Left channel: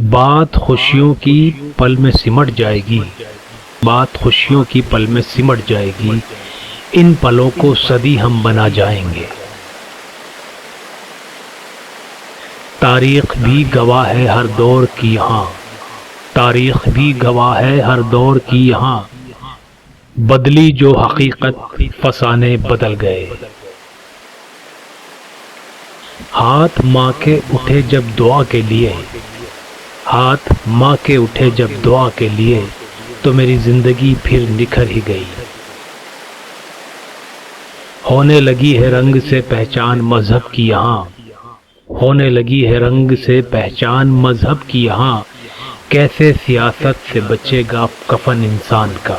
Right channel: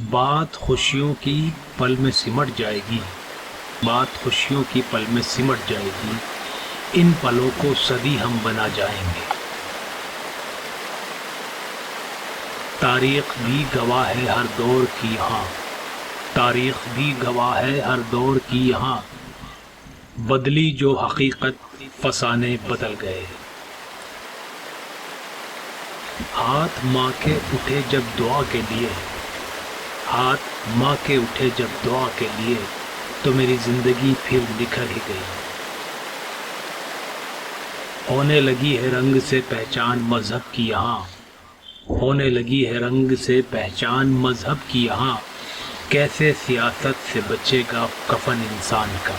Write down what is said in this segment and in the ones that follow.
بات خوشیوں کی پل میں سمٹ جائے گی، بات خوشیوں کی پل میں سمٹ جائے گی، ان پلوں کو صدی ہم بنا جائیں گے۔ تاریخ بھی گواہ ہے ہر دور کی یہاں، تاریخ بھی گواہ ہے ہر دور کی یہاں، بدلی جو حقیقت فسانے بدل گئے۔ ہاتھ ماں کے اٹھے جب دعا کے لیے، ہاتھ ماں کے اٹھے جب دعا کے لیے، تو میری زندگی پھر نکھر ہی گئی۔ ہونے لگی ہے رنگ سے پہچان مذہب کی یہاں، ہونے لگی ہے رنگ سے پہچان مذہب کی یہاں، کیسے سیاست سے بچے گا کفن انسان کا۔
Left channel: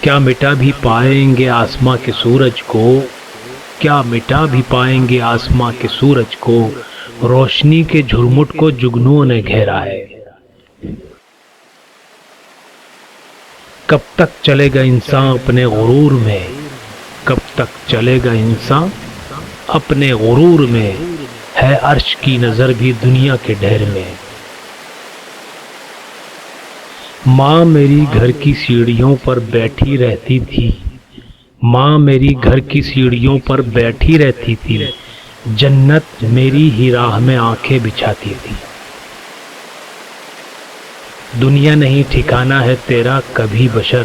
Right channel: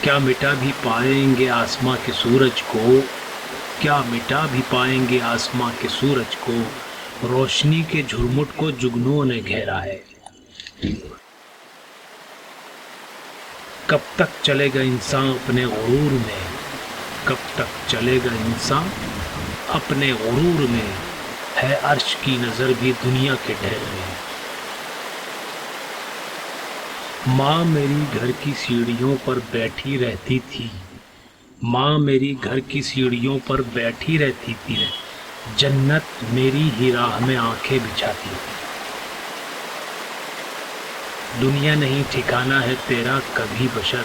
کیا مٹا بھی پائیں گے آسماں کے سورج کو، کیا مٹا بھی پائیں گے آسماں کے سورج کو، روشنی کے جھرمٹ کو جگنوں نے گھیرا ہے۔ کب تک چلے گا انسان اپنے غرور میں، کب تک چلے گا انسان اپنے غرور میں، ہے عرش کی نظر بھی دنیا کے ڈھیر میں۔ ماں میری گھر کی سیڑھیوں پر بیٹھی رہتی تھی، ماں میری گھر کی سیڑھیوں پر بیٹھی رہتی تھی، جنت میری ہی راہ میں آنکھیں بچھاتی تھی۔ دنیا نہیں ٹھکانا ہے تیرا کبھی بشر،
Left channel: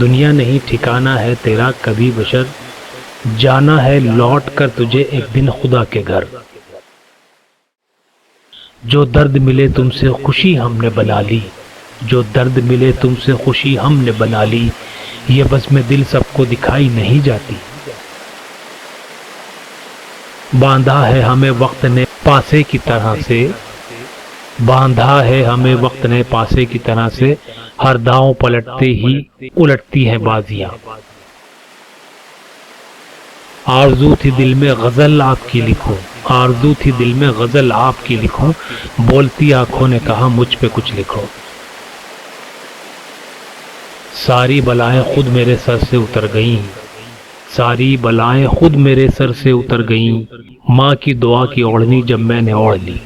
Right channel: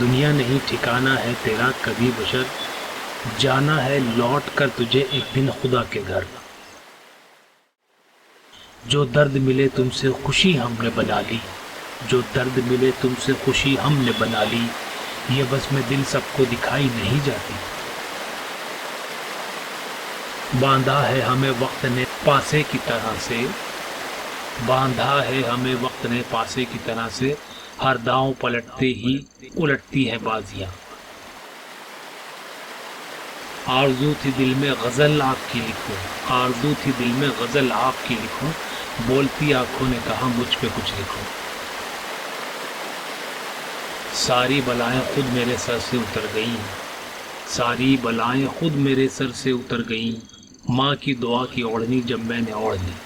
دنیا نہیں ٹھکانا ہے تیرا کبھی بشر، جانا ہے لوٹ کر تجھے ایک دن خدا کے گھر۔ جو درد ملے تم سے خوشی ہم نے بنا لی، جو درد ملے تم سے خوشی ہم نے بنا لی، یہ بس میں دل سب کو دکھائی نہیں جاتی۔ باندھا ہے ہمیں وقت نے پاسے کی طرح سے، باندھا ہے ہمیں وقت نے پاسے کی طرح سے، ہر داؤں پلٹتے ہی الٹتی ہیں بازیاں۔ آرزو تھی دل میں غزل آپ کی لکھوں، آرزو تھی دل میں غزل آپ کی لکھوں، بولتی آنکھوں نے کہا مجھ پہ کچھ لکھو۔ ساری بلائیں خود میرے سر سے اتر گئیں، ساری بلائیں خود میرے سر سے اتر گئیں، ماں کی دعا کی اوڑھنی جب میں نے اوڑھ لی۔